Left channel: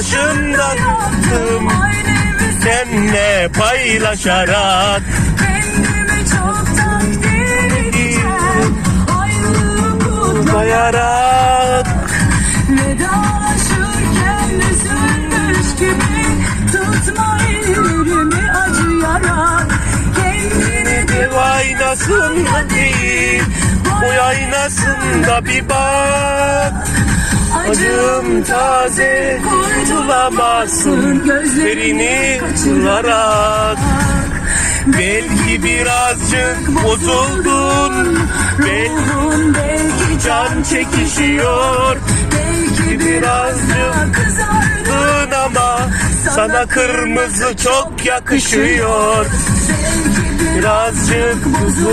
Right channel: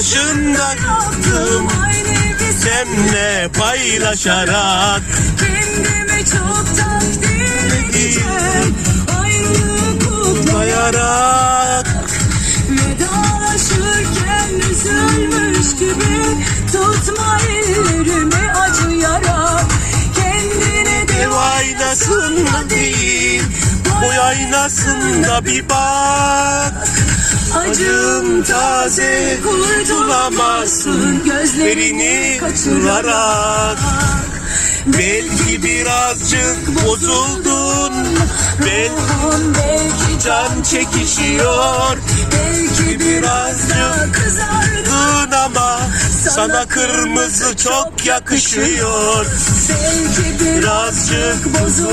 başında yaptım Senle paylaşarak. Kendimi çoktan delireceğim Ayrılığı kutlayarak. Vedalaşırken üzülmüş gibi Tutma ellerimi acıyarak. Kendini dev aynasında değil Boy aynasında bir bak. Acım taze kurtulamazsın Gözlerini kaçırarak Belki birazcık bozuldun. Belki Belki can çekişiyor Belki birazcık kızardın Dın ama sana kırmızı çok yakışıyor. Belki Birazcık bozul